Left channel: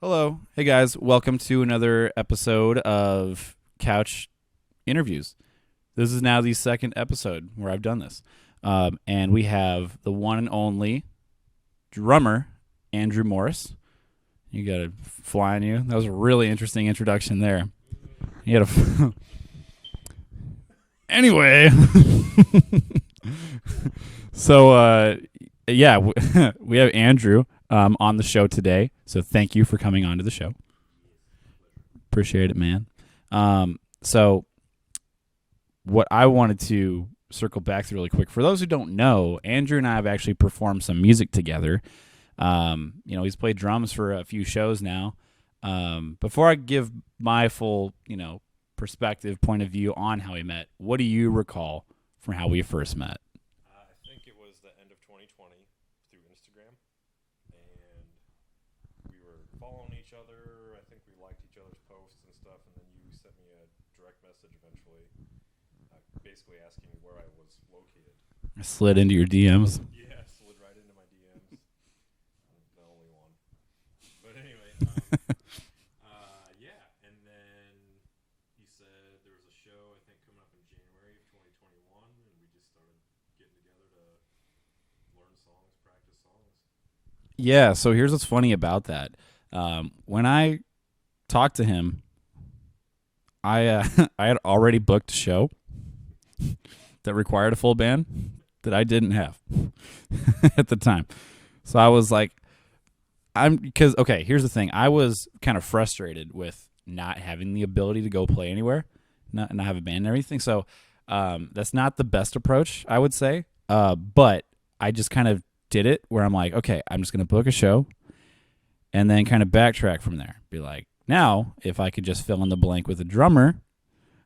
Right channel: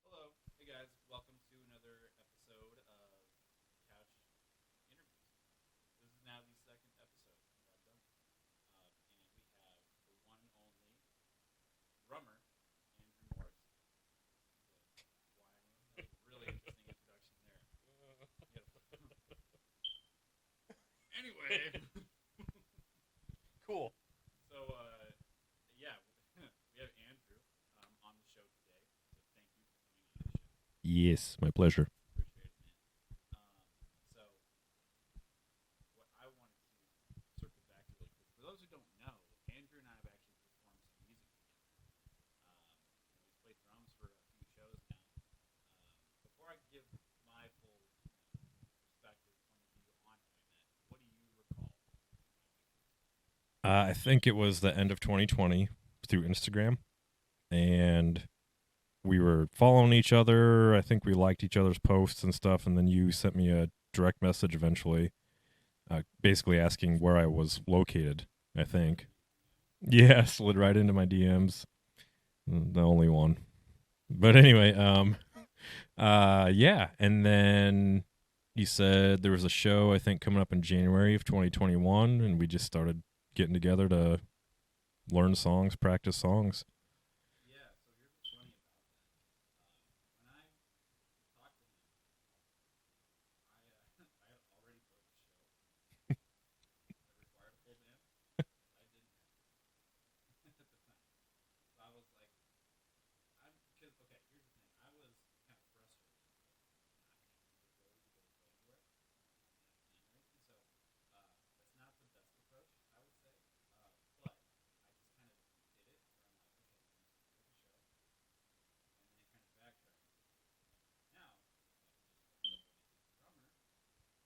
Hello. Hey guys, welcome to another episode of Couch Interviews. This is now the second episode where I've done this. And we have the one and only drummer, Andrew Morris. You got a fly on you. That was a really interesting introduction there. You got a. Anyway. So, yeah, we have Andrew on the show today. So thank you for coming on to the show. Yes, my pleasure. Appreciate it, man. So what I wanted to circle back to really quick, for those who don't know, Andrew and I have actually performed some music together. He's played drums for a few shows now. Before I give my full, perspective, point of view on how we met, what do you recall from how we first met? I think it was the end of 2020 through Instagram, and we were following each other. I think we liked each other's posts and stuff, and then you sent me a direct message eventually, basically asking where I was located. I think. Slid into your DMs. Yeah, slid right into my DMs. The only one. But anyway, yeah, and then you said there was a show, I think, coming up in January of 2021, and we just started getting together to learn songs, practice songs. Yeah, so here's what's funny about that. When I talked to him, I I had already booked a show that required a full band that I didn't have at the time. So I was like, here's the thing. I was kind of frustrated with not having the ability to go play anywhere, not have a band and everything. So that's not the best approach, I would say. But I just kind of did it where I'm like, okay, I'm just going to book a show and then kind of backtrack from there. Be like, now, if I could just fill in the blank with a drummer,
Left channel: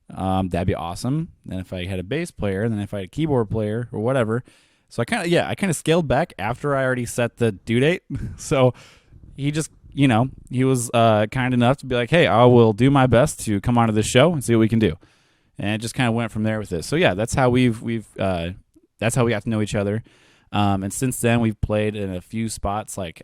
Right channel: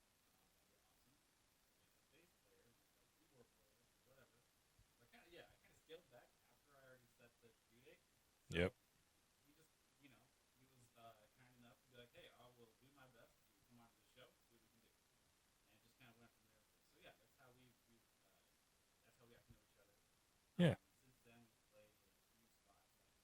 that'd be awesome. Then if I had a bass player, then if I had a keyboard player or whatever. So I kind of scaled back after I already set the due date. So he just, he was kind enough to be like, hey, I will do my best to come onto this show and see what we can do. And it just kind of went from there with it. So yeah, that's how that's how we got to know each other. And since then, we've played in a few spots. Like,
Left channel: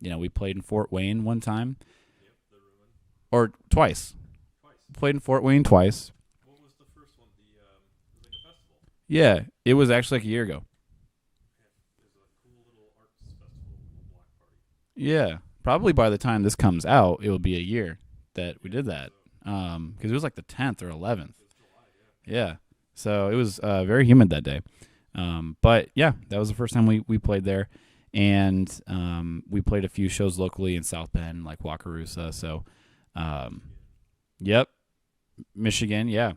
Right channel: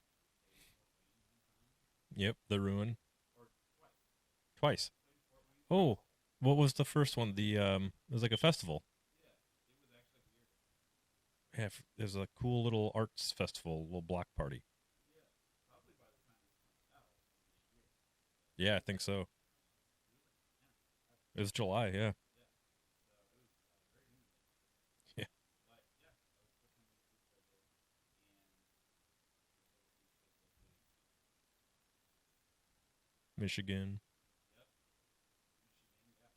we played in Fort Wayne one time. Yep, the Ruin. Or twice. Twice. Played in Fort Wayne twice. What was the first one? It was like a festival. Yeah, it was actually like a year ago. Yeah, there's a cool little arts festival, little block party. Yeah, probably by the time this comes out, it will be a year that we Yeah, did I think that. so. Because it was like the 10th or 11th. It was July, yeah. Yeah, so it was very humid that day. But yeah, that was the first time we played there, and we played a few shows locally in South Bend, like Wakarusa. So, Michigan. Yep, Michigan, yeah.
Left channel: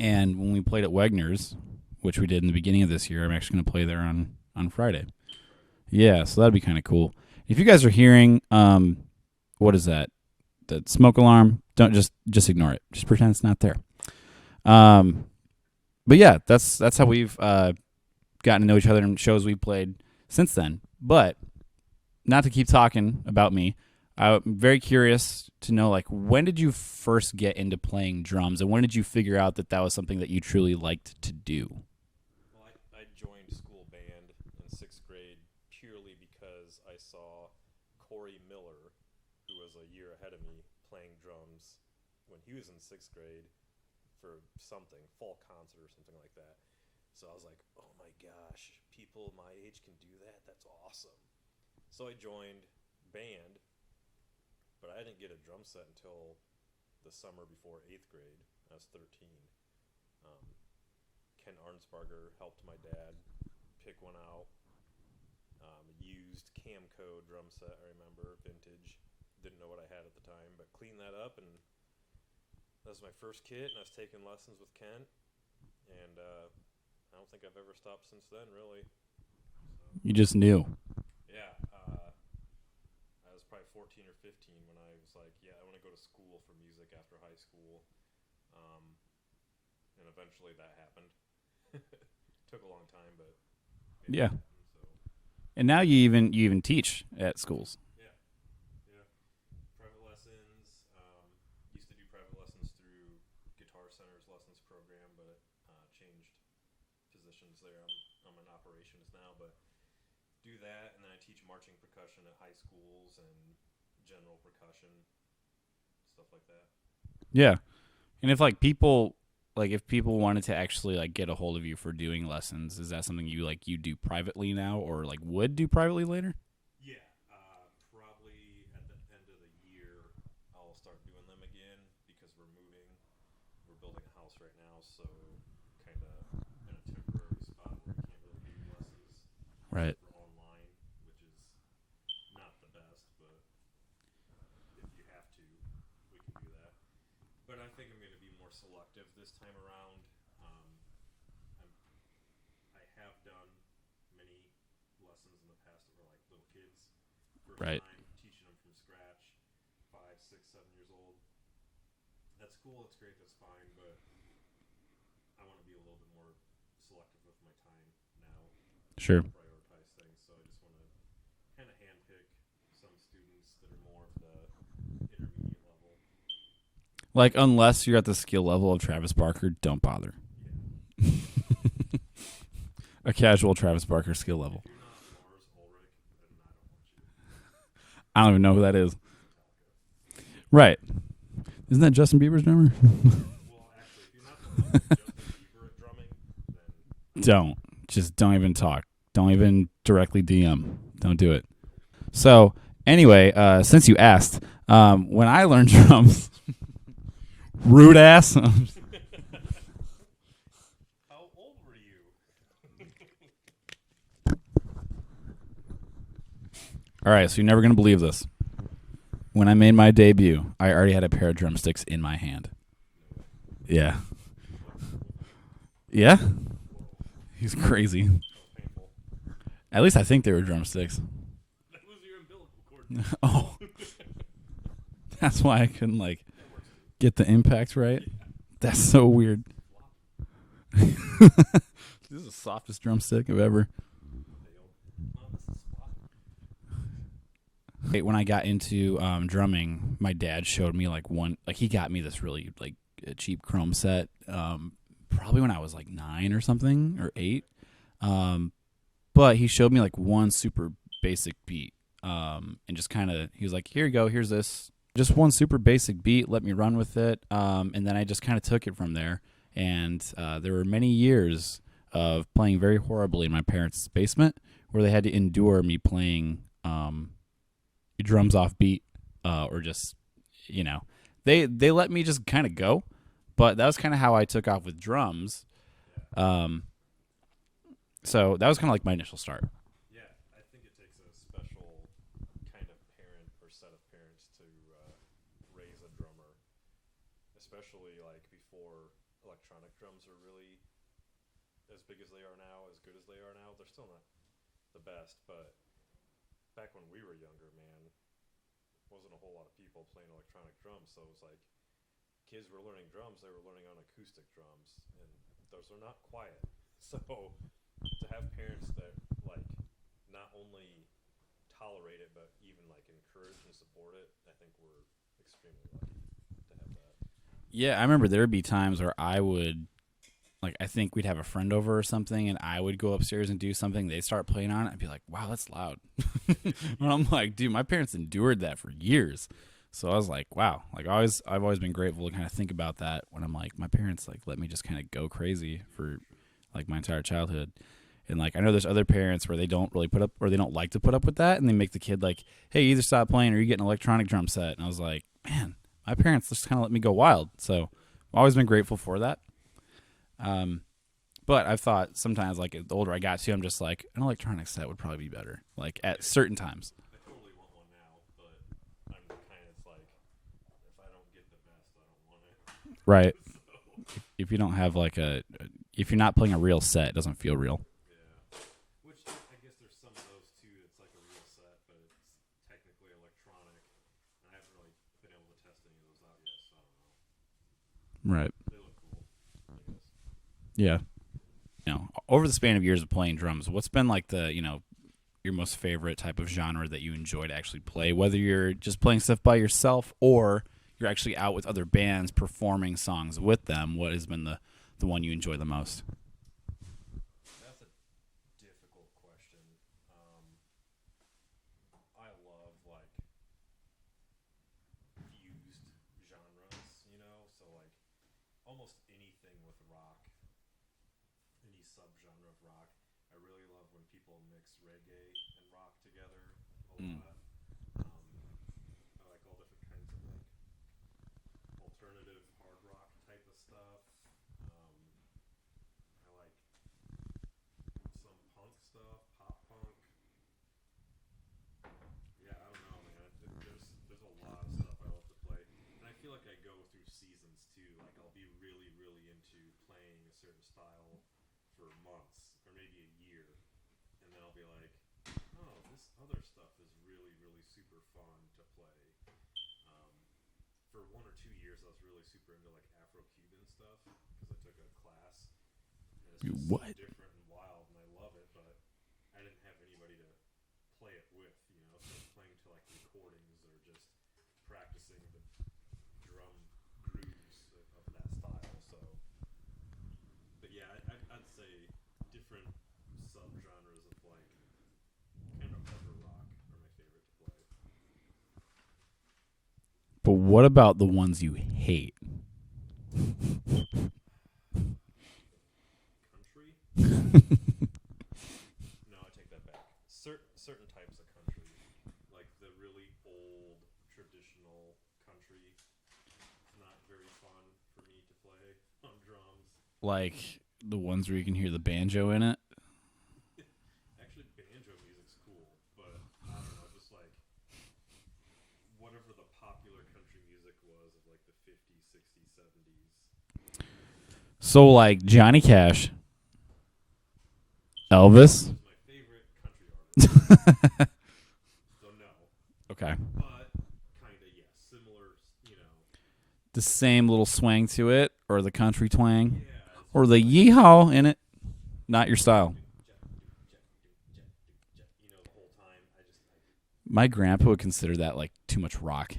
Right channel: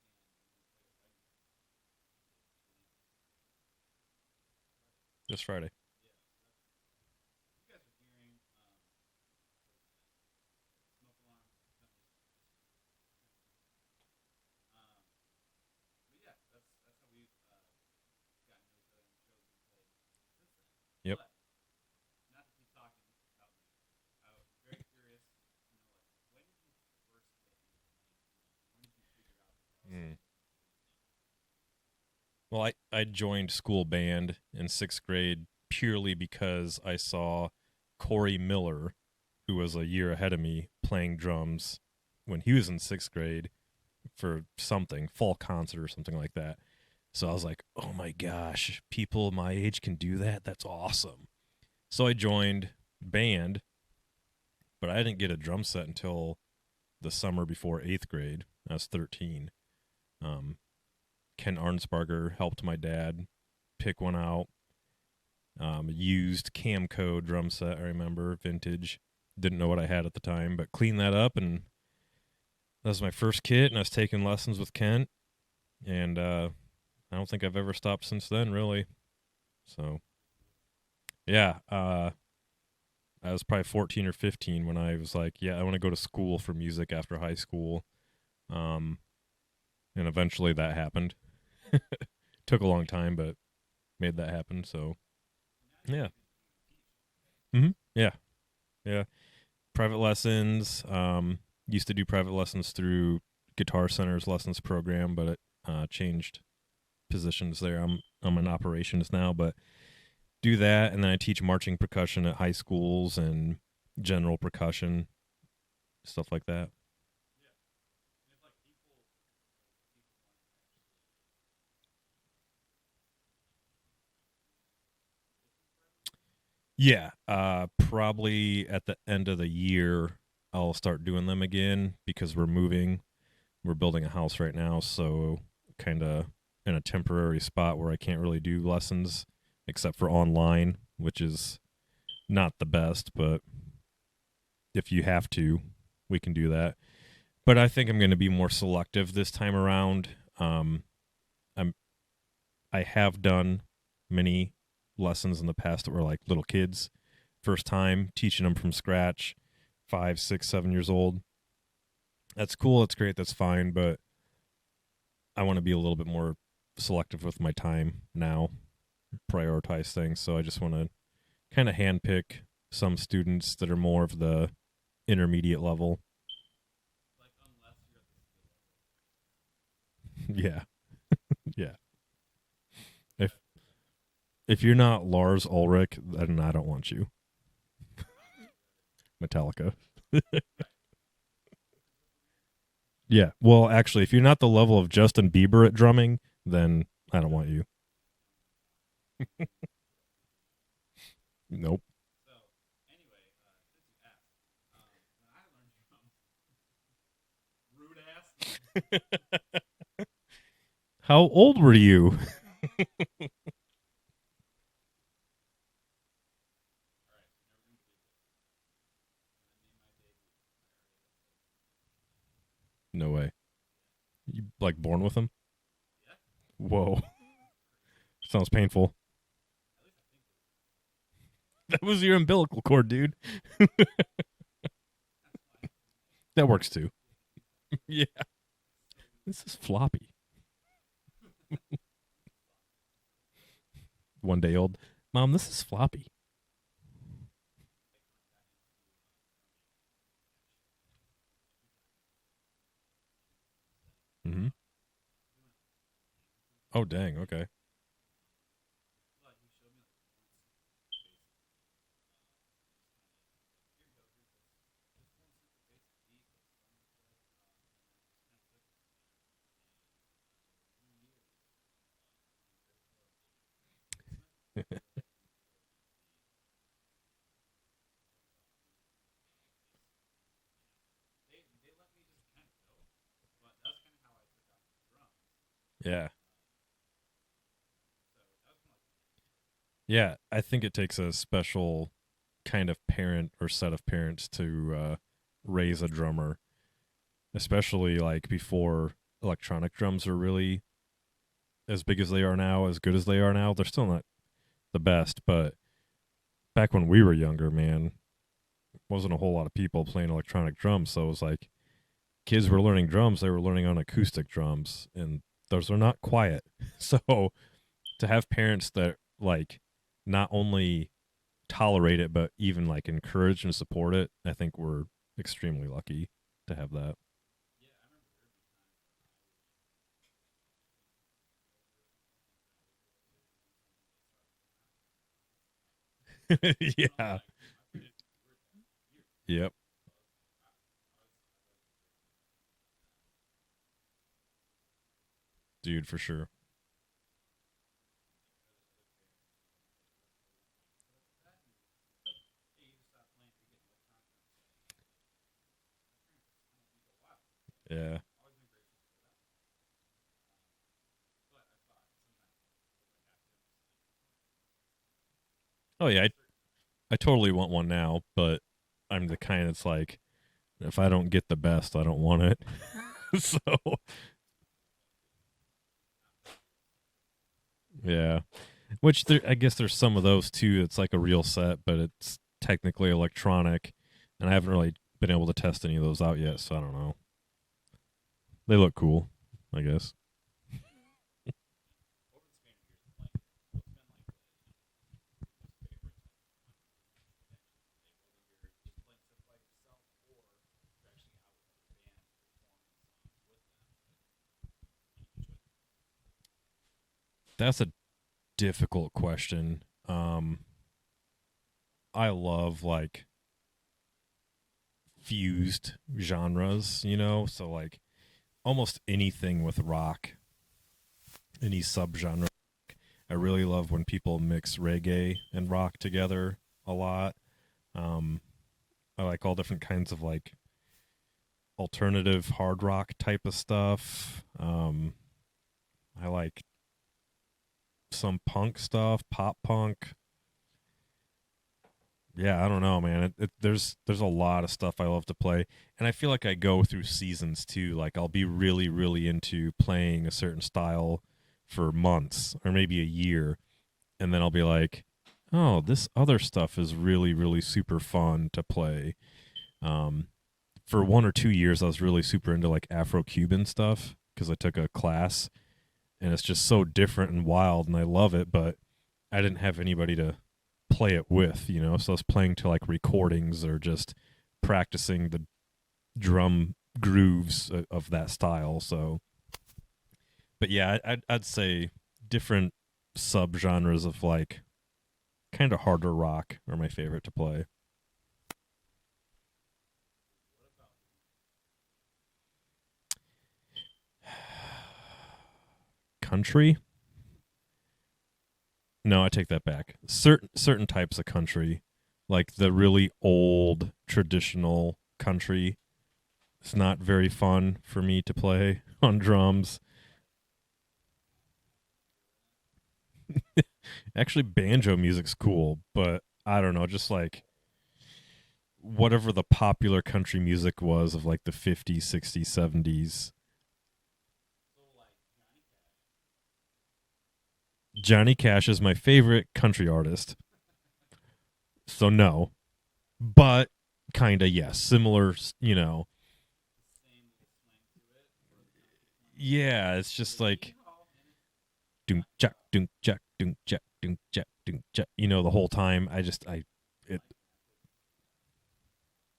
And when we played at Wegner's, which we did in the beginning of this year, I'm actually going to play there on Friday. This Friday. Yeah, so that'd be kind of cool. If you guys are hearing, what is that? The smoke alarm? Don't just ignore it. Just pretend it's not there. But yeah, that's how we've gotten to know each other in shows we've played since then. Yep. But not to keep talking about me, I'm very curious to know, like, when did you first get into playing drums, and when did you figure out that was something that you truly liked to do? Well, I joined school band in 6th grade purely because I saw Corey Miller, who was a year ahead of me, playing drums when he was in 6th grade for something, fall concert or something like that. So I was like, oh my gosh, people my age can do that? That's awesome. So I joined band, but I didn't get a drum set until the summer before 8th grade. I was 13. Ken Arnsparger helped my dad pick one out. Used Camco drum set, I remember, vintage. Didn't know what I had at the time, but cleaned that up, and that was my first kit, and I was taking lessons with Kent, and I don't think I've ever stopped since then, really. So You just knew. yeah, I was probably 14 or 15 when I was like, yeah, I want to go to school for music after high school, and eventually that happened. Took a long time, but made that happen. So, And now you even teach at schools. Mm-hmm. Yeah. Private lessons. Used to do private lessons through Guitar Center's lessons program, but it changed positions there. I'm in operations now, but do that, and then I teach marching percussion at high schools and general percussion, stuff like that. Yeah. And if like people if people wanted to actually like get a hold of you for doing lessons, is that something you do privately now or like would do privately later? Yeah, probably at the end of the year I'll start doing them again because we're moving. We're building a house right now, so kind of in a temporary spot where I can't really do lessons Right. except for online, which is not the best, but if you have to, we can do that. But I think I'm going to be more selective this time around. I'm I have done many lessons in the past that were like little kids, first Right. time teaching them from scratch, 5, 6, 7 years old. That's cool. That's great. That's fine. But I want to be a little bit more selective with my time now, Sure. prioritize things. So I just want to kind of handpick some students that are more of the intermediate level. Like unless you're at the skill level of Travis Barker, don't bother. Yeah. Yeah. A casual Travis Barker skill level. If you're not Lars Ulrich, then I don't want you. I don't even know who that is. Metallica. Right. Isn't that Justin Bieber's drummer? Yeah. Well, actually, if you're not the level of Justin Bieber at drumming, then I don't know you. Just don't even talk. Don't even directly DM. Don't do it. Nope. So anyway, since you asked, when I learned drums, rude ass. How old were you? All right, so you're never gonna believe this. When I made my debut, I already had a pair of drumsticks in my hand. No way. Yeah. You like born with them? Yeah? Whoa. He's crazy. Sounds painful. At least I think they were drumsticks. That was your umbilical cord, dude. Oh. That's why I couldn't That works too. get the impact right. Yeah. That's so weird. It's floppy. This is the softest drumstick I've ever. 1 day old. Mom, this is floppy. When I got into drumming, my dad showed me he got me this really cheap chrome set. Probably when I was like 9 or something. Oh, dang. Or 8. Okay. But he showed me like one super basic beat. And just kind of, he was like, here you go, here's this. Just one super basic beat, let me run with it. And then I just kind of took it from there. And there were many years of playing very horribly in my parents' basement where they had to endure me playing drums off beat or just, they let me just kind of go. But that was kind of how I took off with drums. Yeah. So that was kind of like my initial start. Yeah. I think it takes a special kind of parent or set of parents to raise a drummer, especially like before electronic drums are really as big as they are now, as good as they are now. They're still not the best, but back when we were younger, man, wasn't a whole lot of people playing electronic drums. So it was like kids were learning drums, they were learning on acoustic drums, and those are not quiet. So to have parents that like not only tolerate it but even like encourage and support it, I think we're extremely lucky to have that. Yeah, I remember there would be times where I would, I think we'd have a friend over or something, and I would go upstairs and do something. They'd start playing on it. I'd be like, wow, that's loud. Yeah. And I'm like, dude, my parents endured that for years. Yep. So I was like, wow. I've always been grateful to kind of think about that when I'm like, my parents let me just kind of go crazy, Dude, for sure. like my entire childhood. And I know there's other parents where they don't really put up, or they don't like to put up with that, and they make the kid like, hey, either stop playing or you get an electronic drum set. And I was like, man, my parents just kind of let me go wild. So Yeah. I've always been grateful for that. But I've thought sometimes, the older I got to, I'm just like, an electronic set would probably be better. At certain times. I totally want one now, but I'm the kind that's like, if I don't get the best, I don't want it. Right. So If you don't have if you're not playing a real set, it doesn't feel real. yeah, which I guess there's some of those too. It's like a real set, but it's technically electronic, and I haven't really been able to test any of those out yet, so I don't know. Right. They look cool, I guess. Yeah. Over the span of years of playing drums, what's been your most favorite type of genre that you enjoy to actually play, whether you're just playing stuff by yourself or you're actually out with other bands performing songs with them? What has been the one you enjoy the most? That's a difficult question. I love fused genres, you know? So like almost anything with rock, any subgenre of rock. I really love when people mix reggae and rock together a lot. I like all different kinds of like alternative hard rock type of stuff. I like some punk stuff, pop punk. Yeah, I don't know, man. There's a lot of stuff I love to play, and I feel like I go through seasons too. Like I'll be really, really into playing a certain style for months or maybe a year, and then I'll be like, oh, this other stuff is really, really super fun to play. For 1 or 2 years, I was really super into like Afro-Cuban stuff because I took a class, and it's just so different and wild, and I love it. But I didn't have anybody to play it with, you know. So I was playing to like recordings or just practicing the drum grooves of that style. So, but yeah, I'd say different subgenres of like kind of harder rock are my favorite to play. But what about the ones you hate? Country? No, I take that back. Certain types of country, like the really old traditional country, it's not very fun for me to play on drums. Like the ones where you can hear the banjo in it? Actually, banjo music's cool, but I don't know, just like whatever the popular country music was of like the 50s, 60s, 70s. So like Johnny Cash. Johnny Elvis? Cash is my favorite country artist. So no. Okay. But kind of yes, similar, you know. The same little swang to it, or the country twang? Yeah, it's or just the like yeehaw in it. Not your jack, style. Dunk, jack, dunk, jack, dunk, jack, dunk, jack. You know, the whole time My grandpa would consider that like too much rock.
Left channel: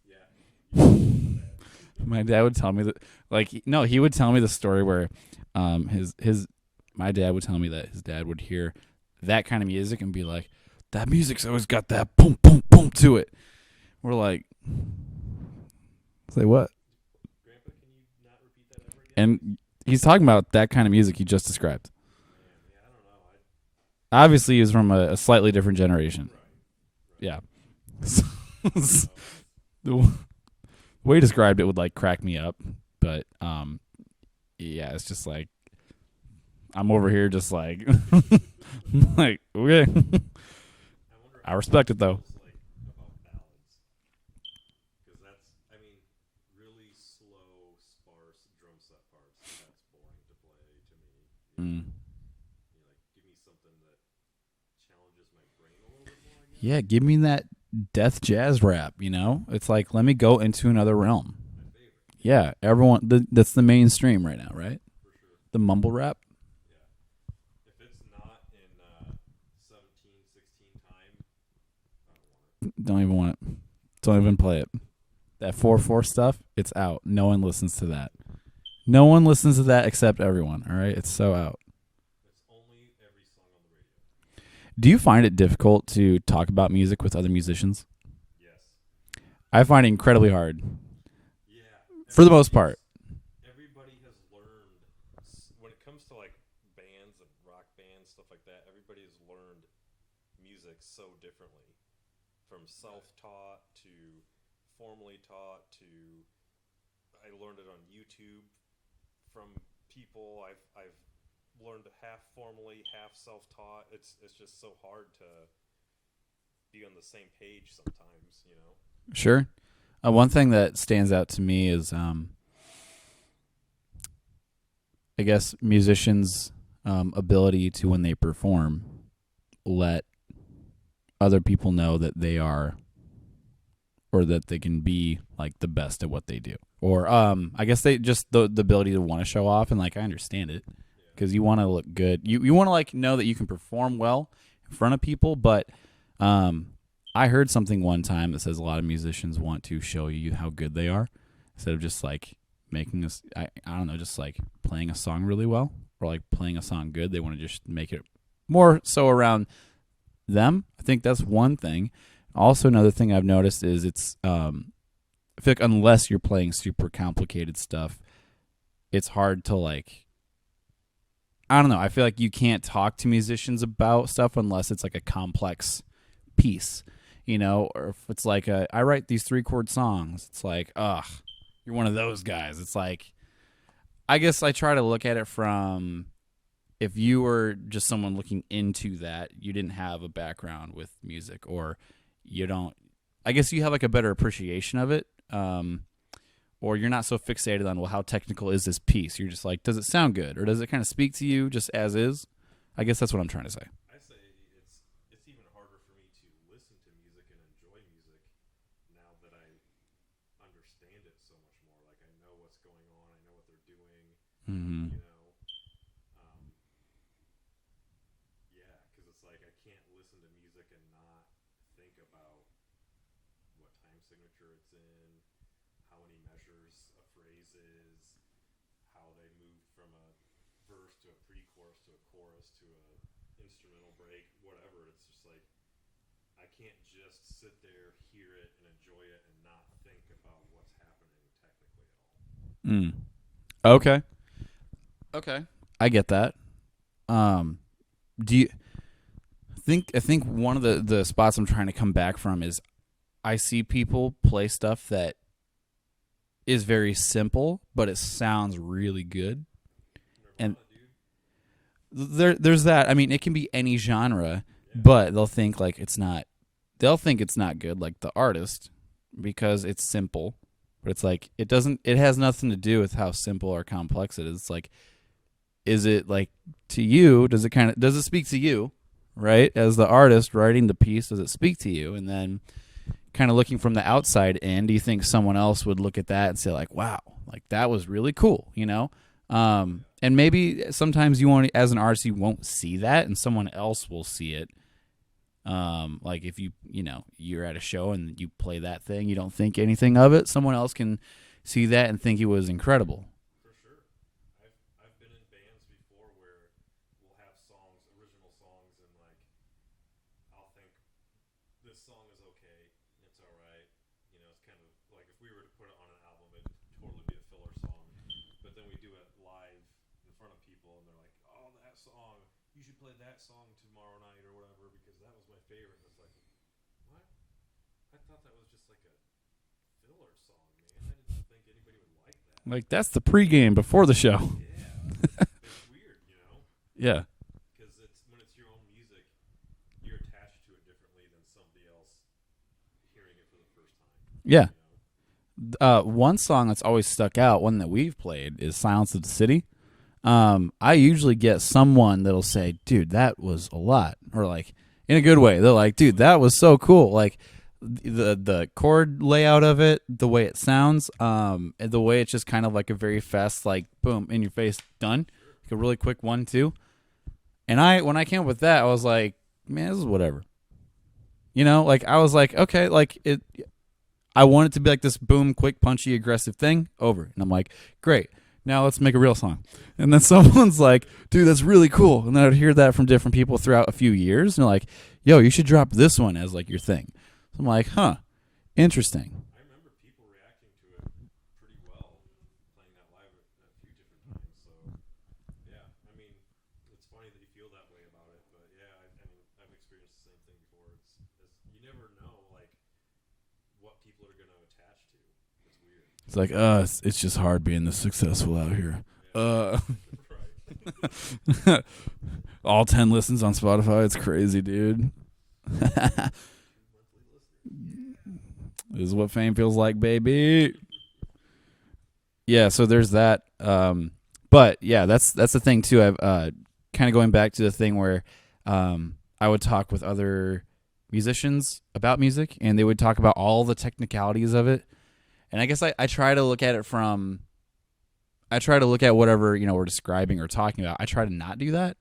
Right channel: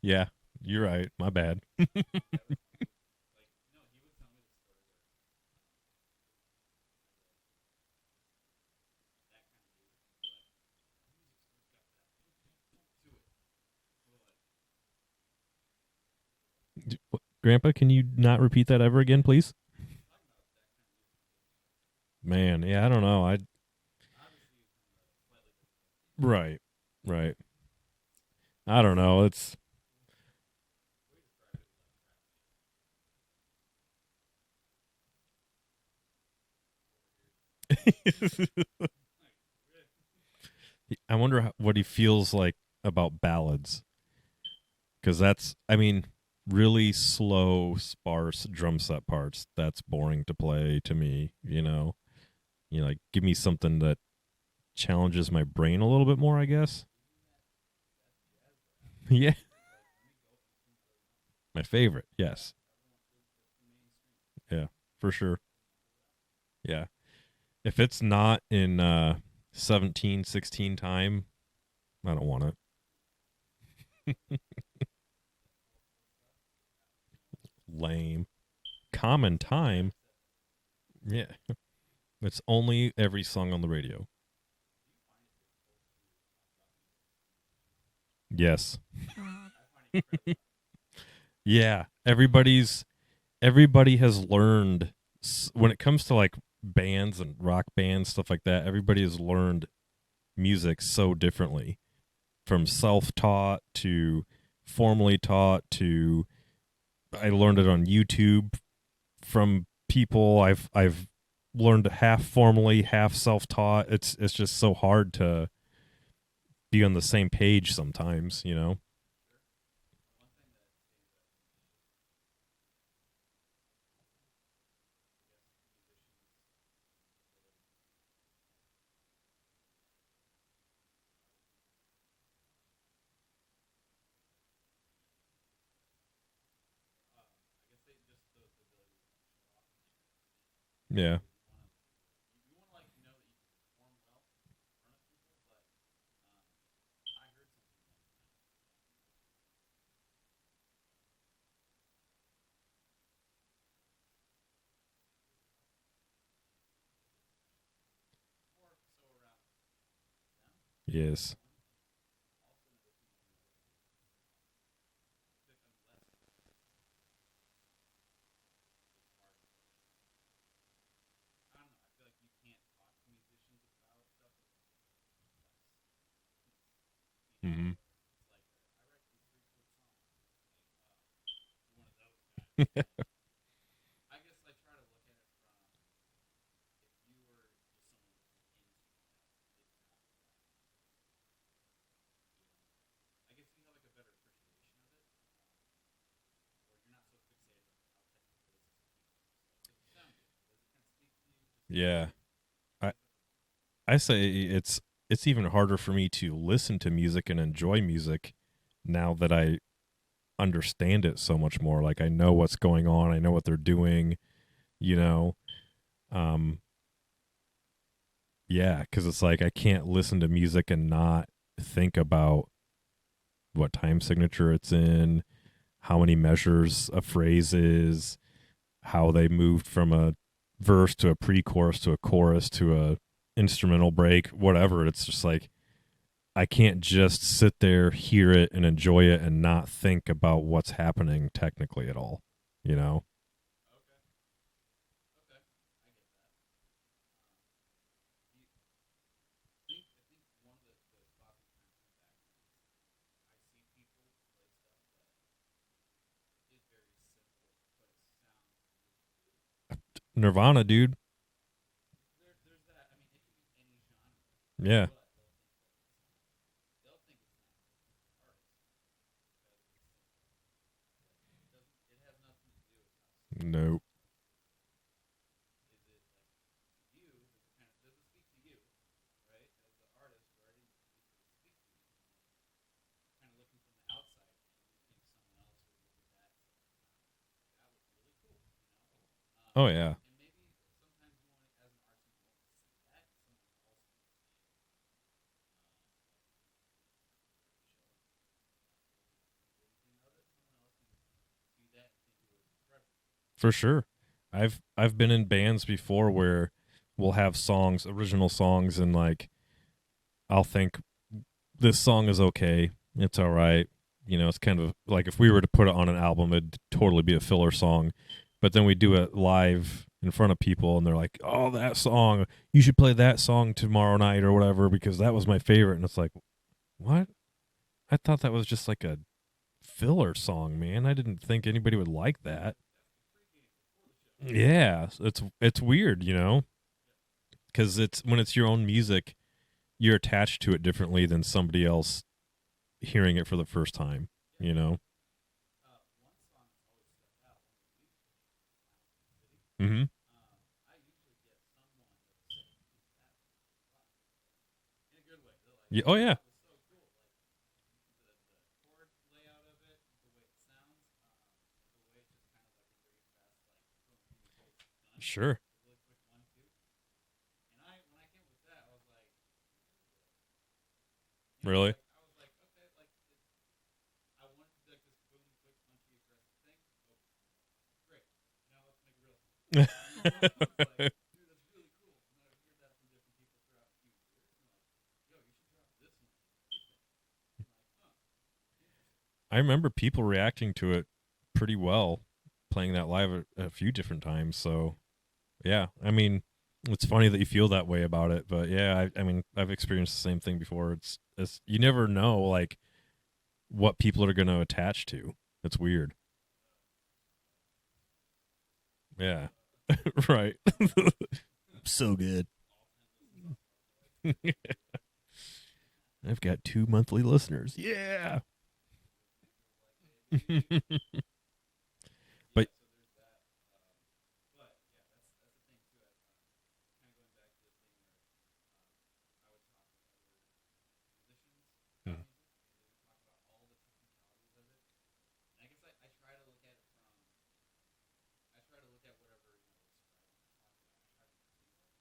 Yeah, you're right. My bad. My dad would tell me that, like, no, he would tell me the story where, my dad would tell me that his dad would hear that kind of music and be like, that music's always got that boom, boom, boom to it. We're like, say what? Grandpa, can you not repeat that ever again, And please? he's talking about that kind of music you just described. Man, yeah, I don't know. Obviously, he's from a slightly different generation. Right. Yeah. I don't know. It's The way he described it would like crack me up, but yeah, it's just like I'm over here just like like okay. I wonder I what respect it it, though. feels like about ballads, because that's, I mean, really slow, sparse drum set parts. That's boring to play to me. You know, like give me something that challenges my brain a little bit more, I guess. Yeah, give me that death jazz rap. You know, Yeah. it's like let me go into another realm. My favorite. Yes. Yeah, everyone. That's the mainstream right now, Yeah. right? For sure. The mumble rap. Yeah. If it's not in 17, 16 time, I don't want it. Don't even want it. Don't even play it. That 4/4 stuff, it's out. No one listens to that. Lame. No one Common listens to that time. except everyone. All right, it's so Yeah. out. It's only every song on the radio. Do you find it difficult to talk about music with other musicians? Yes. I find it incredibly hard. Yeah. For the most part. Everybody has learned, when it comes to like bands and rock bands, stuff like that, everybody has learned music so differently. From self-taught to formally taught to I learned it on YouTube from people I've learned half formally, half self-taught. It's just so hard to be on the same page sometimes, you know. Sure. One thing that stands out to me is, I guess, musicians' ability to, when they perform, let other people know that they are, or that they can be like the best at what they do. Or I guess they just the ability to want to show off, and like I understand it. Yeah. Because you want to look good. You want to like know that you can perform well in front of people, but I heard something one time that says a lot of musicians want to show you how good they are instead of just like making us I don't know, just like playing a song really well or like playing a song good. They want to just make it more so around them. I think that's Yes. one thing. also another thing I've noticed is it's I feel like unless you're playing super complicated stuff, it's hard to like. I don't know. I feel like you can't talk to musicians about stuff unless it's like a complex piece, or if it's like I write these 3-chord songs. It's like, ugh, you're one of those guys. It's like, I guess I try to look at it from if you were just someone looking into that, you didn't have a background with music, or you don't. I guess you have like a better appreciation of it. Or you're not so fixated on, well, how technical is this piece? You're just like, does it sound good, or does it kind of speak to you just as is? I guess that's what I'm trying to say. I say it's even harder for me to listen to music and enjoy music now that I understand it so much more. Like, I know what's going on, I know what they're doing, Yeah, because it's like I can't listen to music and not think about what time signature it's in, how many measures a phrase is, how they moved from a verse to a pre-chorus to a chorus to a instrumental break, whatever. It's just like I can't just sit there, hear it, and enjoy it and not think about what's happening technically at all, you know? Okay. I get that. Do you I think one of the spots I'm trying to come back from is I see people play stuff that is very simple, but it sounds really good. Nirvana, dude. There's that. I mean, it can be any genre, Yeah. but they'll think like it's not. They'll think it's not good, like the artist, because it's simple. But it's like it doesn't. It has nothing to do with how simple or complex it is. It's like, is it like to you? Does it speak to you, right? As the artist writing the piece, does it speak to you? And then, kind of looking from the outside in, do you think someone else would look at that and say like, wow, like that was really cool, Oh yeah. And maybe sometimes you won't, as an artist, you won't see that, and someone else will see it. Like if you're at a show and you play that thing, you don't think anything of it. Someone else can see that and think it was incredible. For sure. I've been in bands before where we'll have songs, original songs, and like I'll think this song is okay. It's all right. It's kind of like if we were to put it on an album, it'd totally be a filler song. But then we do it live in front of people, and they're like, oh, that song, you should play that song tomorrow night or whatever because that was my favorite. And it's like, what? I thought that was just like a filler song, man. I didn't think anybody would like that. Like, that's the pregame before the show. Yeah. It's weird, Yeah. Because when it's your own music, you're attached to it differently than somebody else hearing it for the first time. Yeah. One song that's always stuck out, one that we've played, is Silence of the City. Mm-hmm. I usually get someone that'll say, dude, that was a lot. Or like, in a good way. They're like, dude, that was so cool. Like, the chord layout of it, the way it sounds, and the way it's just kind of like a very fast, like, boom, in your face, done. Sure. Like a really quick 1-2. And when I came up with that, I was like, man, this is whatever. Really? Like, I was like, okay, like, I want it to be like this boom, quick, punchy, aggressive thing, over. And I'm like, great, now let's make a real song. And then someone's like, dude, that's really cool. And then I'd hear that from different people throughout a few years. And they're like, yo, you should drop this one as like your thing. So I'm like, huh, interesting. I remember people reacting to it pretty well, playing that live a few different times. So, yeah, I mean, it's funny that you feel that way about it, but yeah, I mean, I've experienced the same thing before. It's you never know like what people are going to attach to. It's weird. It's like, it's just hard being this successful out here. Yeah, right. So good. All 10 listens on Spotify. It's crazy, dude. I've got 2 monthly listeners. Yeah, this is what fame feels like, baby. Yeah, so there's that. But yeah, that's the thing too. I've kind of going back to the thing where I would talk with other musicians about music, and they would talk about all the technicalities of it. And I guess I try to look at it from. I try to look at whatever we're describing or talking about. I try to not do that,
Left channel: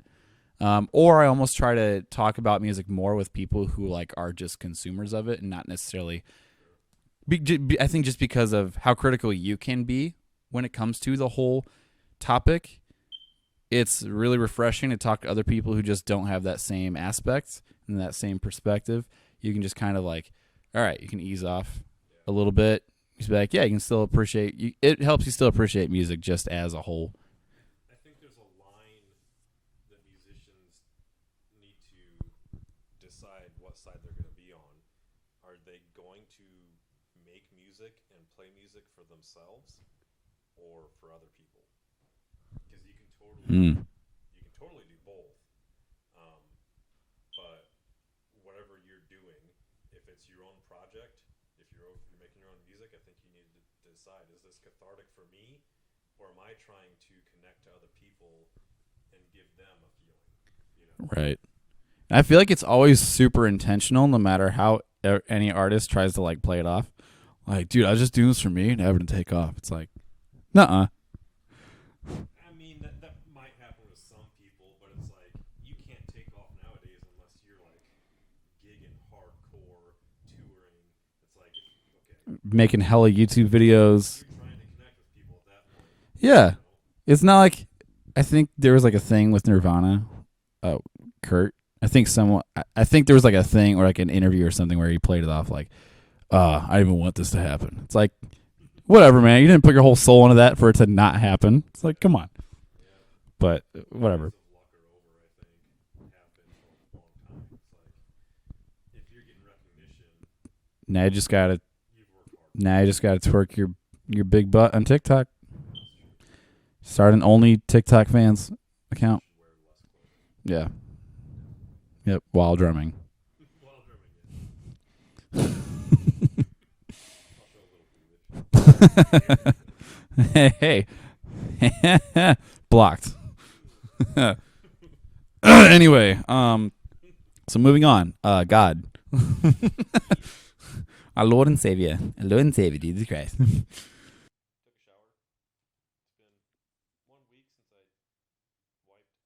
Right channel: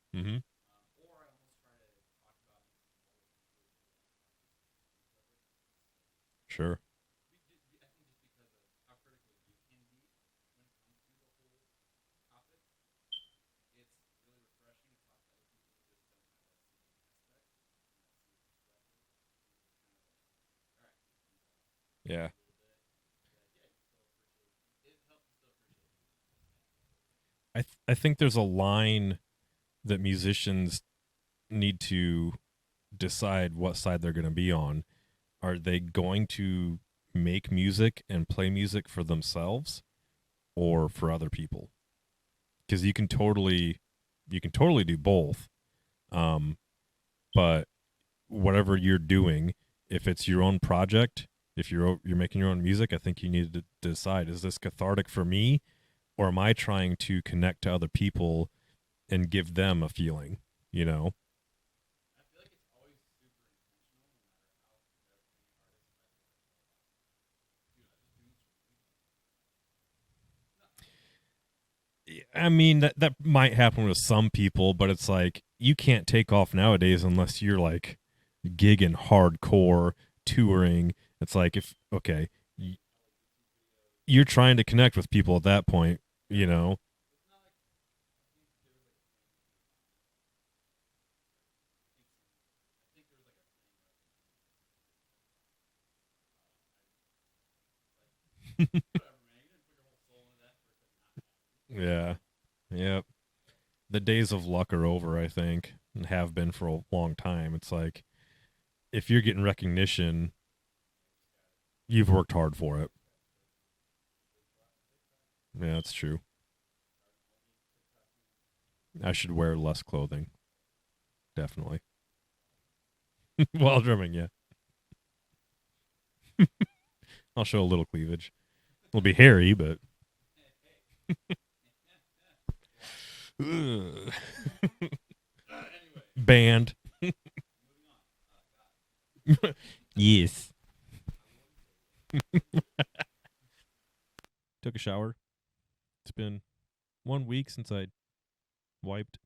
or I almost try to talk about music more with people who like are just consumers of it and not necessarily. Sure. I think just because of how critical you can be when it comes to the whole topic, it's really refreshing to talk to other people who just don't have that same aspect and that same perspective. You can just kind of like all right, you can ease off Yeah. a little bit. You be like, yeah, you can still appreciate. It helps you still appreciate music just as a whole. I think there's a line that musicians need to decide what side they're going to be on. Are they going to make music and play music for themselves or for other people? Because you can totally do both. But whatever you're doing, if it's your own project, if you're making your own music, I think you need to decide: is this cathartic for me, or am I trying to connect to other people and give them a feeling? You know, Right. I feel like it's always super intentional, no matter how any artist tries to like play it off. Like, dude, I was just doing this for me, never to take off. It's like, nuh-uh. I mean that might happen with some people, but it's like you can't take off nowadays unless you're like gigging hardcore, touring. It's like Making hella YouTube videos. you're trying to connect with people at that point. Yeah. You know? It's not like, I think there was like a thing with Nirvana, Kurt. I think there was like a thing or like an interview or something where he played it off like, I didn't even want this to happen. It's like, whatever, man. You didn't put your whole soul into that for it to not happen. It's like, come on. Yep. But The whatever. days of luck are over, I think, and have been for a long time. It's like if you're getting recognition, Now you just gotta twerk your big butt on TikTok. Yeah, that's true. Start an only TikTok fans I account. should wear less clothing. Yeah. Definitely. Yep. While drumming. While drumming, yeah. I'll show a little cleavage. It'll be hairy, but Hey. Blocked. Anyway. Banned. So moving on. God. Yes. Our Lord and Savior. Our Lord and Savior, Jesus Christ. Took a shower. It's been 1 week since I wiped.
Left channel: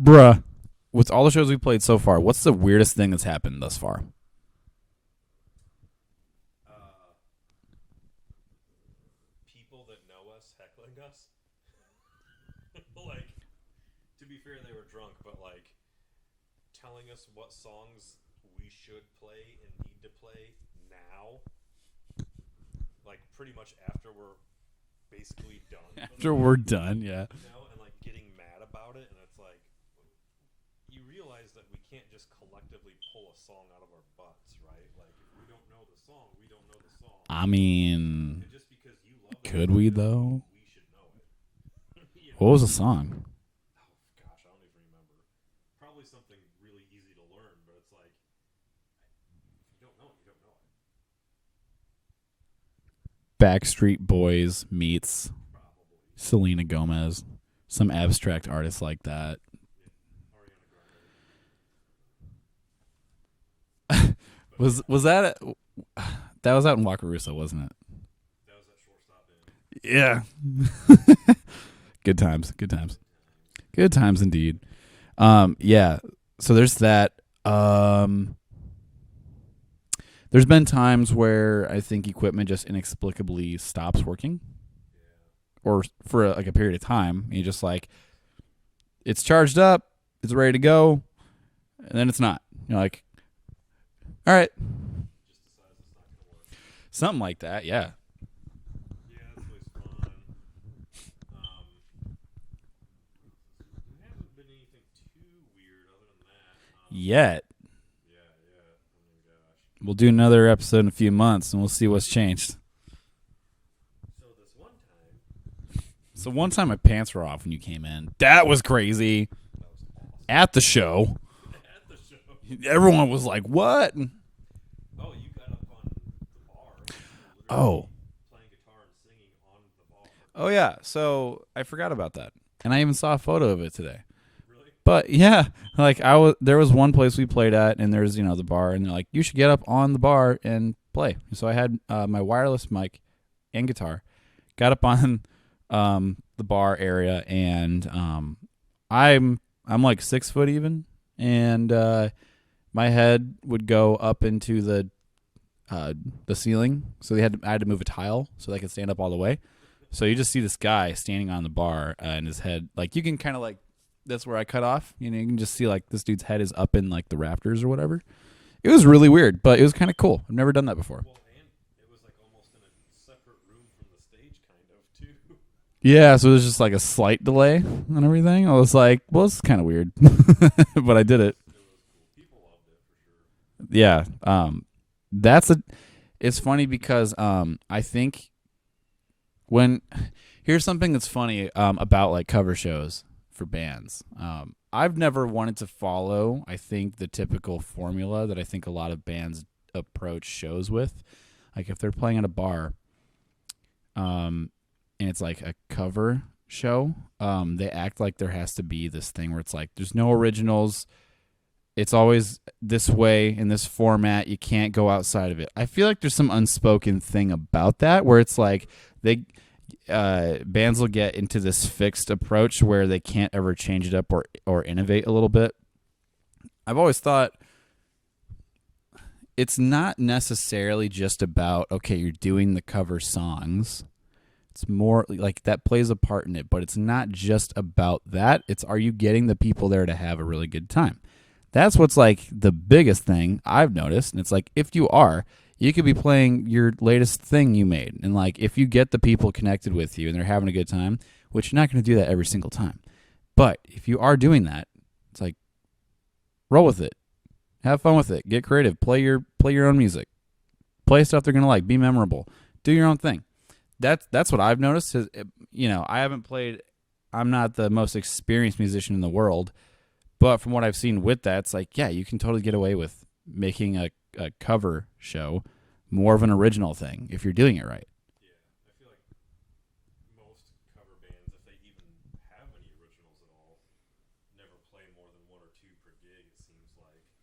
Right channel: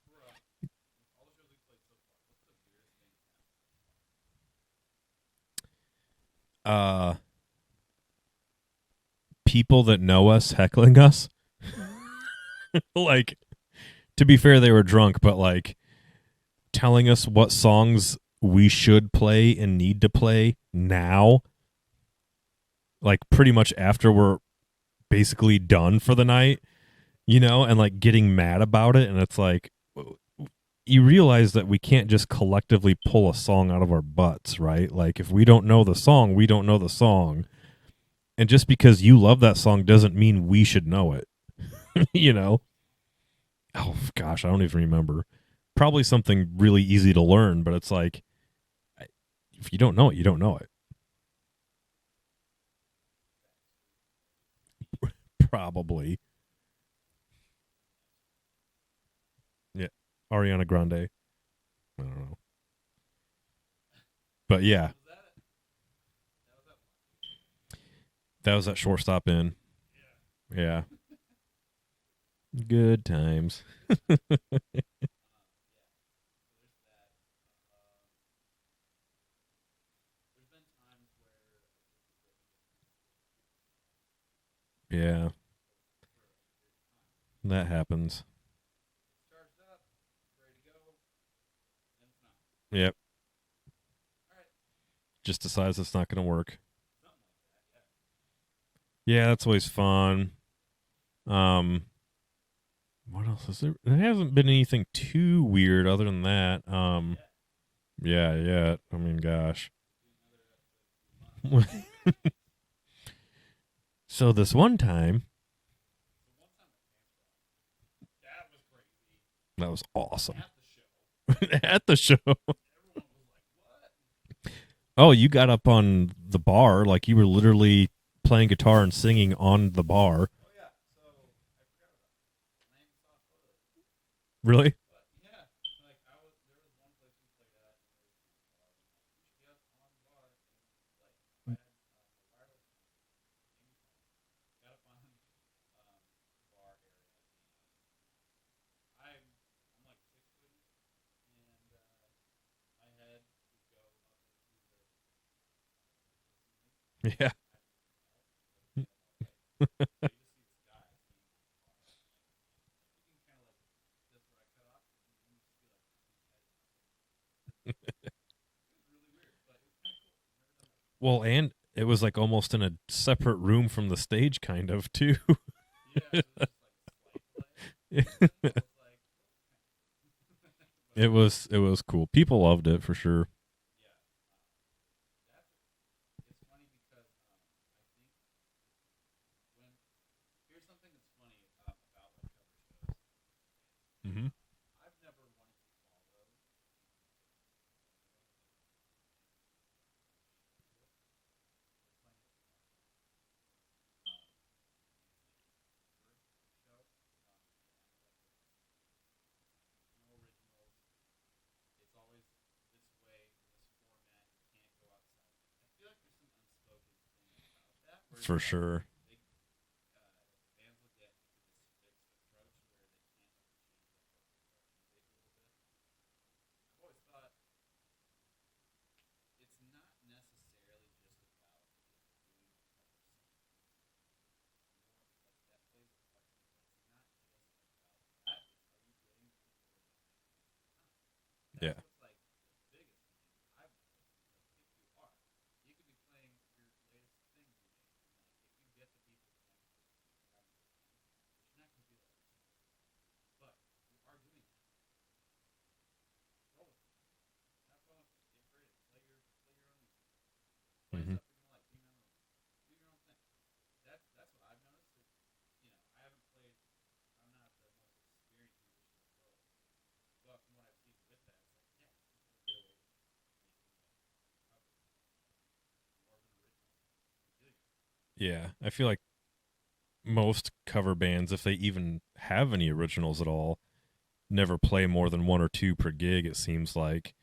Bruh. With all the shows we played so far, what's the weirdest thing that's happened thus far? People that know us heckling us. Like, to be fair, they were drunk, but like telling us what songs we should play and need to play now. Like pretty much after we're basically done for the night. We're done, yeah. You know, and like getting mad about it, and it's like you realize that we can't just collectively pull a song out of our butts, right? Like if we don't know the song, we don't know the song. I mean, And just because you love that song doesn't though? mean we should know it. You know. what was the song? Oh gosh, I don't even remember. Probably something really easy to learn, but it's like if you don't know it, you don't know it. Backstreet Boys meets Probably Selena Gomez. Some abstract artist like that. Ariana Grande. I don't know. But yeah, Was that that was out in Wakarusa, wasn't it? that was at Shortstop Inn. Yeah. Yeah. Good times. Good times. Good times. Good times indeed. Yeah. So there's that. There's been times where I think equipment just inexplicably stops working, Yeah. or for like a period of time. You just that like happens. it's charged up, it's ready to go, and then it's not. You're Yep. like, all right, Just decides it's not going to work. something like that. Yeah. Yeah, that's always fun. What else is there? There hasn't been anything too weird other than that. Yet. Yeah. I mean, gosh. We'll do another episode in a few months, and we'll see what's changed. So this one time, So one time my pants were off when you came in. That was crazy. that was awesome. At the show, At the show. everyone was like, "What?" Oh, you got up on the bar like you were literally playing guitar and singing on the bar. Oh yeah. So I forgot about that, and I even saw a photo of it today. Really? But yeah, like there was one place we played at, and there's the bar, and they're like, "You should get up on the bar and play." So I had my wireless mic and guitar, got up on the bar area, and I'm like 6 foot even, and my head would go up into the ceiling, so I had to move a tile so I could stand up all the way. So you just see this guy standing on the bar, and his head, like you can kind of like, that's where I cut off. You can just see like this dude's head is up in like the rafters or whatever, It was really weird, but it was kind of cool. I've never done that before. Well, and it was like almost in a separate room from the stage, kind of too. Yeah, so it was just like a slight delay and everything. I was like, well, it's kind of weird, but I did it. It was cool. People loved it for sure. Yeah. It's funny because I think when here's something that's funny about like cover shows for bands. Mm-hmm. I've never wanted to follow, I think, the typical formula that I think a lot of bands approach shows with. Like if they're playing at a bar, and it's like a cover show, they act like there has to be this thing where it's like there's no originals. It's always this way in this format. You can't go outside of it. I feel like there's some unspoken thing about that where it's For like sure. they bands will get into this fixed approach where they can't ever change it up or innovate a little bit. I've always thought it's not necessarily just about, okay, you're doing the cover songs. It's more like that plays a part in it, but it's not just about that. It's, are you getting the people there to have a really good time? That's what's like the biggest thing I've noticed. And it's like, if you are, you could be playing your latest thing you made. And like, if you get the people connected with you and they're having a good time, which you're not going to do that every single time. But if you are doing that, it's like, roll with it. Have fun with it. Get creative. Play your own music. Play stuff they're going to like. Be memorable. Do your own thing. That's what I've noticed. You know, I haven't played. I'm not the most experienced musician in the world. But from what I've seen with that, it's like, yeah, you can totally get away with making a cover show more of an original thing if you're doing it right. Yeah, I feel like most cover bands, if they even have any originals at all, never play more than one or two per gig, it seems like.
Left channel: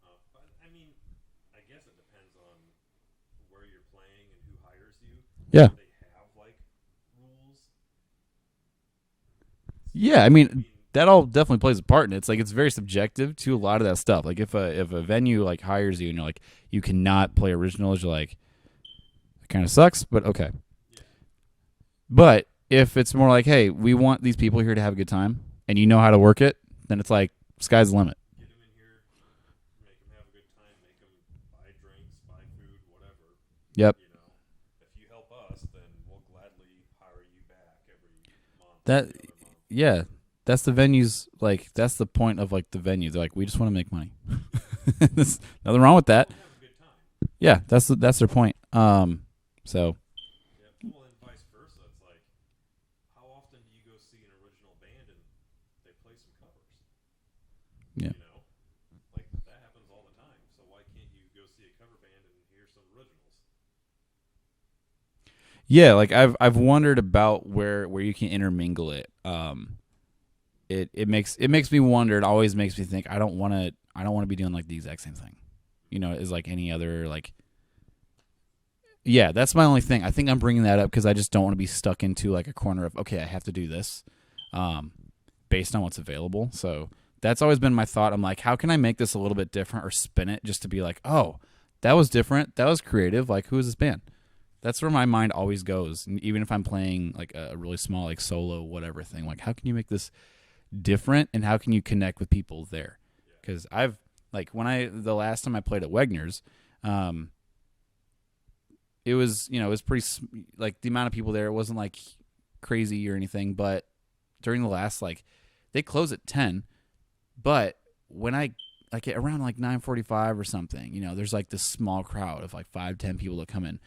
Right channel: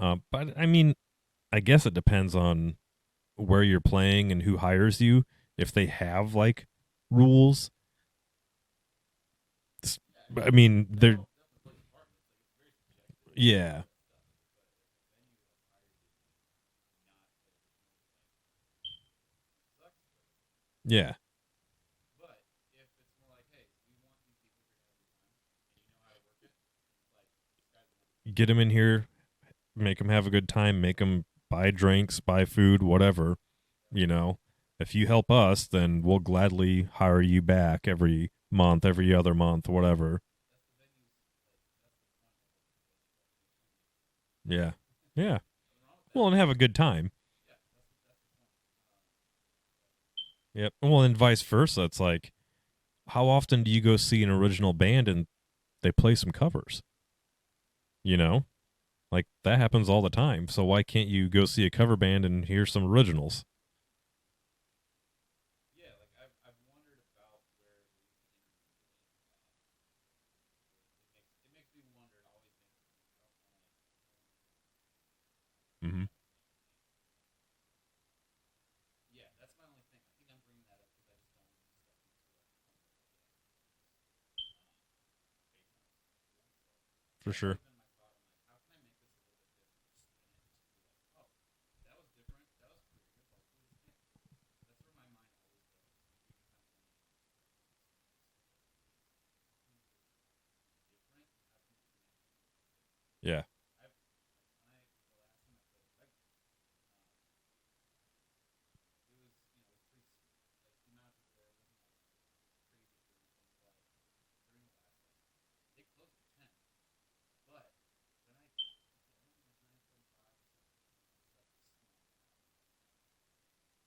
But, I mean, I guess it depends on where you're playing and who hires you. Yeah. If they have, like, rules. Yeah, I mean that all definitely plays a part in it. It's like it's very subjective to a lot of that stuff. Like if a venue like hires you and you're like, you cannot play originals, you're like, it kind of sucks, but okay. Yeah. But if it's more like, hey, we want these people here to have a good time, and you know how to work it, then it's like sky's the limit. Get them in here, make them have a good time, make them buy drinks, buy food, whatever. Yep. You know, if you help us, then we'll gladly hire you back every month, every other month, whatever. Yeah, that's the venues. Like that's the point of like the venue. They're like, we just want to make money. Yeah. There's Yeah. nothing wrong with that. Well, and have a good time. Yeah, that's their point. So. Yep. Well, and vice versa. It's like, how often do you go see an original band and they play some covers? Yeah. You know, like that happens all the time. So why can't you go see a cover band and hear some originals? Yeah, like I've wondered about where you can intermingle it. It makes me wonder. It always makes me think. I don't want to be doing like the exact same thing. Mm-hmm. You know, is like any other like. Yeah, that's my only thing. I think I'm bringing that up because I just don't want to be stuck into like a corner of, okay, I have to do this, based on what's available. So that's always been my thought. I'm like, how can I make this a little bit different or spin it just to be like, oh, that was different, that was creative. Like, who is this band? That's where my mind always goes. And even if I'm playing like a really small like solo whatever thing, like how can you make this different and how can you connect with people there? Yeah. Because I've like the last time I played at Wegner's, it was, you know, it was pretty, like, the amount of people there, it wasn't, like, crazy or anything, but during the last, like, they close at 10, but when I, like, around, like, 9:45 or something, you know, there's, like, this small crowd of, like, 5-10 people that come in.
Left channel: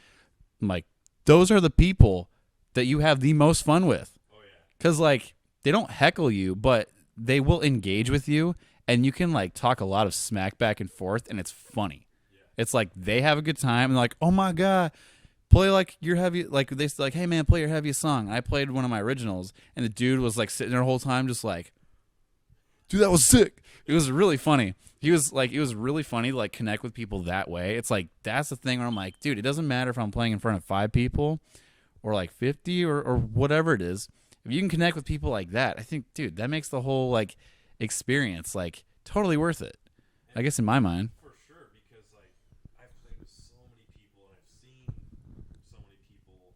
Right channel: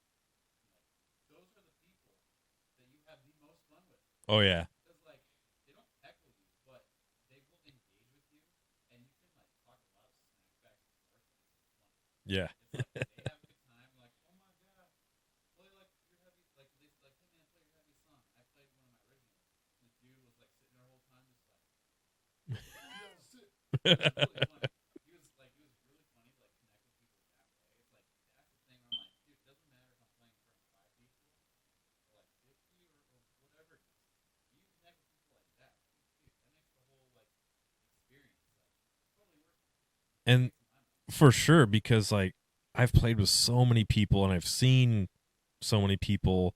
I'm like, those are the people that you have the most fun with. Oh, yeah. Because, like, they don't heckle you, but they will engage with you, and you can, like, talk a lot of smack back and forth, and it's funny. Yeah. It's like they have a good time and they're like, oh my God, play like your heavy, like they like, hey man, play your heaviest song. And I played one of my originals and the dude was like sitting there the whole time just like, dude, that was sick. It was really funny. He was like, it was really funny to like connect with people that way. It's like, that's the thing where I'm like, dude, it doesn't matter if I'm playing in front of 5 people or like 50 or whatever it is. If you can connect with people like that, I think, dude, that makes the whole like experience like totally worth it. And I guess in my mind. For sure, because like I've played with so many people and I've seen so many people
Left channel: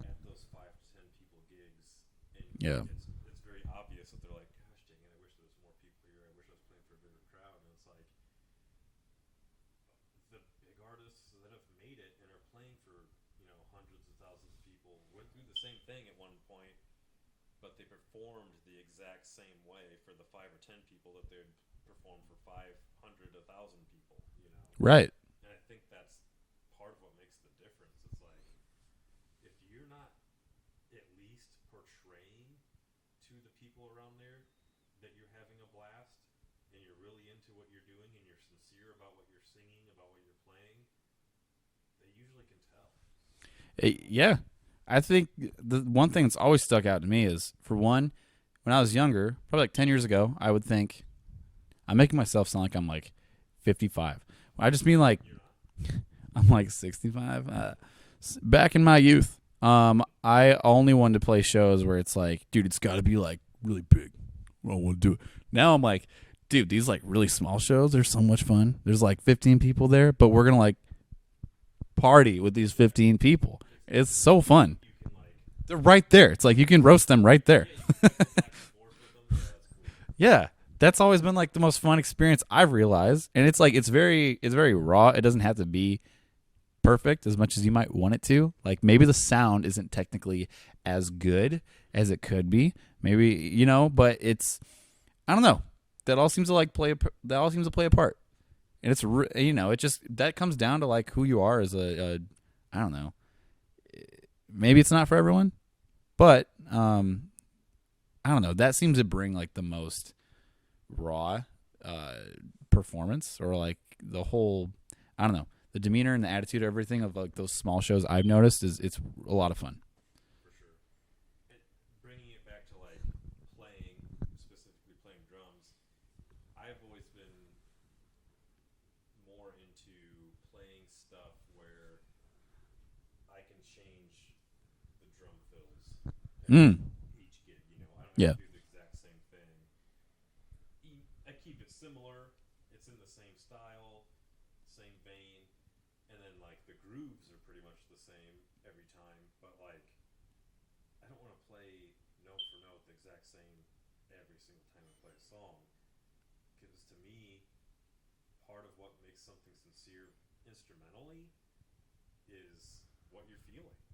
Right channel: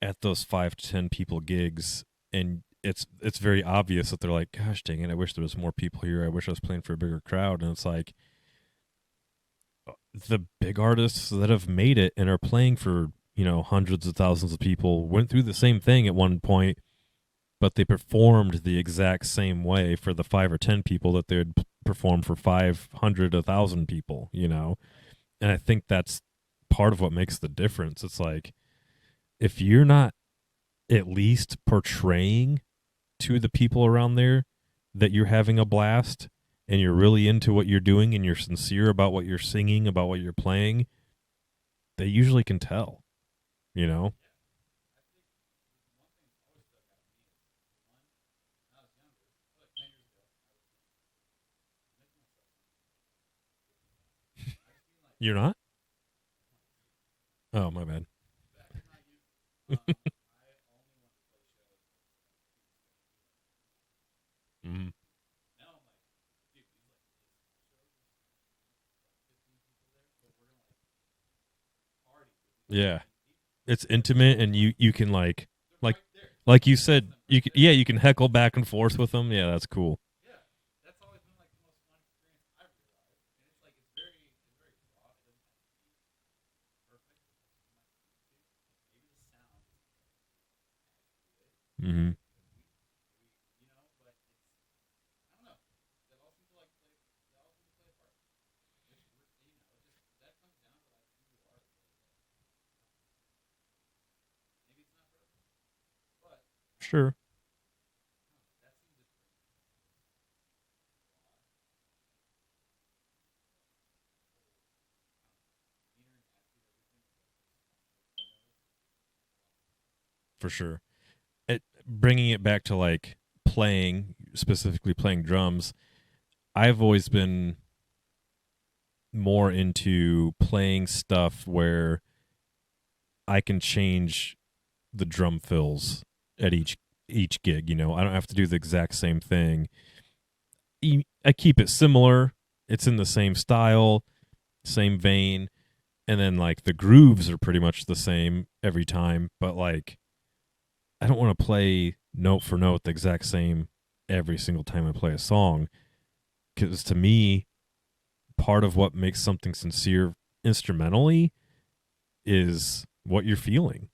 at those 5 to 10 people gigs, and it's very obvious that they're like, gosh dang it, I wish there was more people here. I wish I was playing for a bigger crowd. And it's like, the big artists that have made it and are playing for, hundreds of thousands of people went through the same thing at one point, but they performed the exact same way for the 5 or 10 people that they'd perform for 500, 1,000 people, Right. And I think that's part of what makes the difference. It's like, if you're not at least portraying to the people around there that you're having a blast and you're really into what you're doing and you're sincere about what you're singing, about what you're playing, they usually can tell, Yeah. I think the one thing that's always stuck out to me is, for one, when I was younger, probably like 10 years ago, I would think, I'm making myself sound like I'm like 55. I just mean like, You're not? I'm like 65. Oh, my bad. Back in my youth, I only wanted to play shows where it's like, dude, it's got to be like really big. I don't want to do it. Now I'm like, dude, these like really small shows are so much fun. There's like 15 people there, but we're going to like party with these 15 people. It's intimate. So and fun. You can like... They're right there. It's like you can roast them right there. Yeah, you can heckle back and forth with them. Yeah, that's cool. Yeah. That's always been like the most fun experience I've realized. And it's like, it's very raw. It doesn't have to be perfect as much as you might want it to. Like, maybe the sound isn't technically as good as it could be. Maybe, but it's, I don't know. That all seems to play a part. And it's it just, that comes down to like who you are as a I don't know. Maybe it's not for everyone, but Sure. I don't know. That seems to bring like the most raw performance, or like the whole, I don't know, the demeanor and the attitude of everything of like those small shows I've noticed it's a lot of fun. For sure. Bringing it back to like specifically playing drums, I've always been more into playing stuff where I can change the drum fills at each gig. I don't have to do the exact same thing. I keep it similar. It's in the same style, same vein, and then like the grooves are pretty much the same every time, but like I don't want to play note for note the exact same every single time I play a song, because to me, part of what makes something sincere instrumentally is what you're feeling,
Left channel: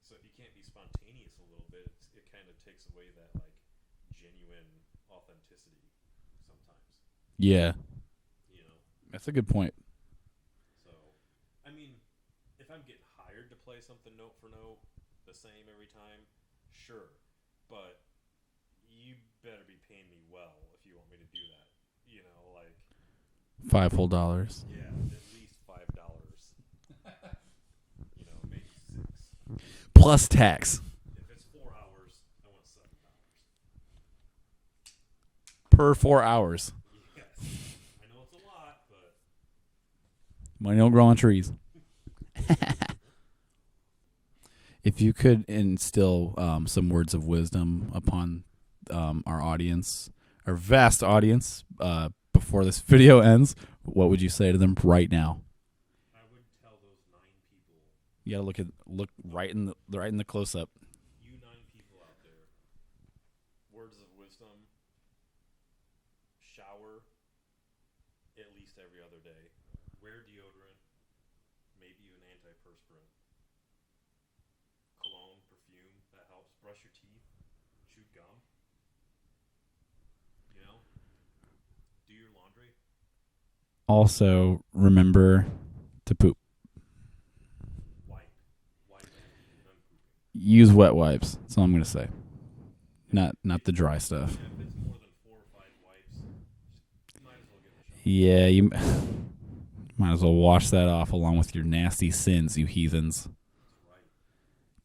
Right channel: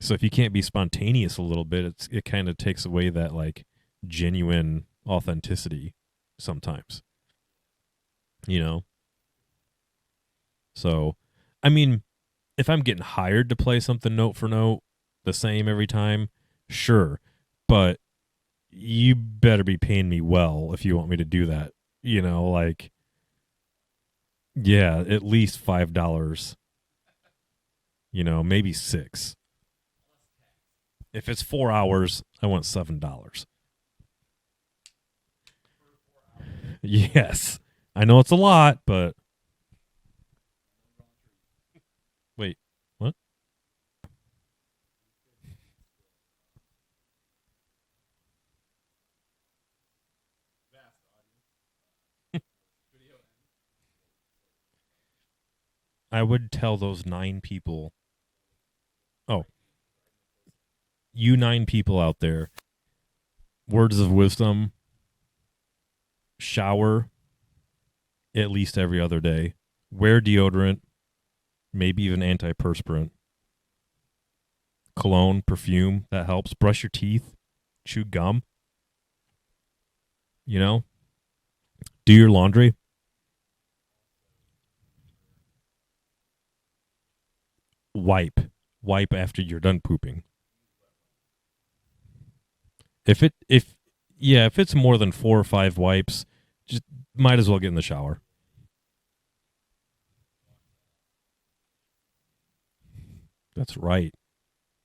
So if you can't be spontaneous a little bit, it kind of takes away that like genuine authenticity sometimes. Yeah. That's a good point. So, I mean, if I'm getting hired to play something note for note the same every time, sure, but you better be paying me well if you want me to do that. Like $5 whole. Yeah, at least $5. Maybe $6 plus tax. If it's 4 hours, I want $7 per 4 hours. Yes, I know it's a lot, but money don't grow on trees. Wait, what? If you could instill some words of wisdom upon our audience, our vast audience, before this video ends, what would you say to them right now? I would tell those 9 people. You gotta look right in the close up. You 9 people out there, words of wisdom. Shower at least every other day. Wear deodorant, maybe even antiperspirant. Cologne, perfume, that helps. Brush your teeth, chew gum. Do your laundry. Also, remember to poop. Wipe after you're done pooping. Use wet wipes. That's all I'm going to say. Not the dry stuff. Yeah, if it's more than 4 or 5 wipes, just might as well get in the shower. Yeah, you might as well wash that off along with your nasty sins, you heathens. That's right.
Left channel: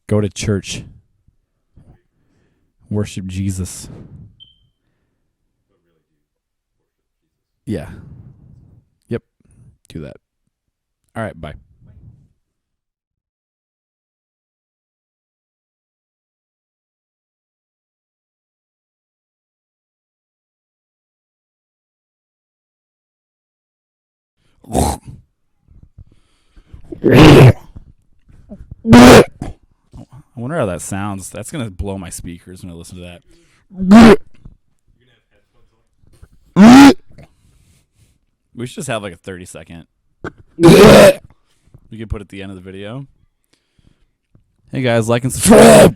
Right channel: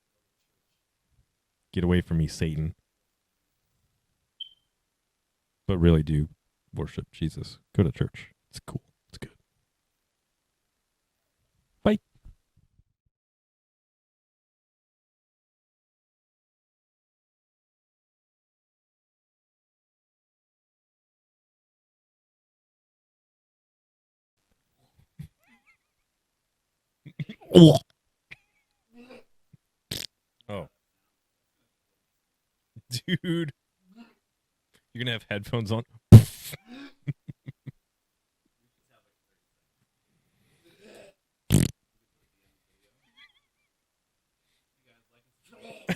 Go to church. Get away from me, Satan. Worship Jesus. But really do worship Jesus. Yeah. Go to church. It's cool. Yep. Do that. All right, bye. Bye. I wonder how that sounds. That's going to blow my speakers when I listen to that. Dude. You're going to have headphones on? We should just have like a 30-second We can put at the end of the video. Hey guys, like and subscribe.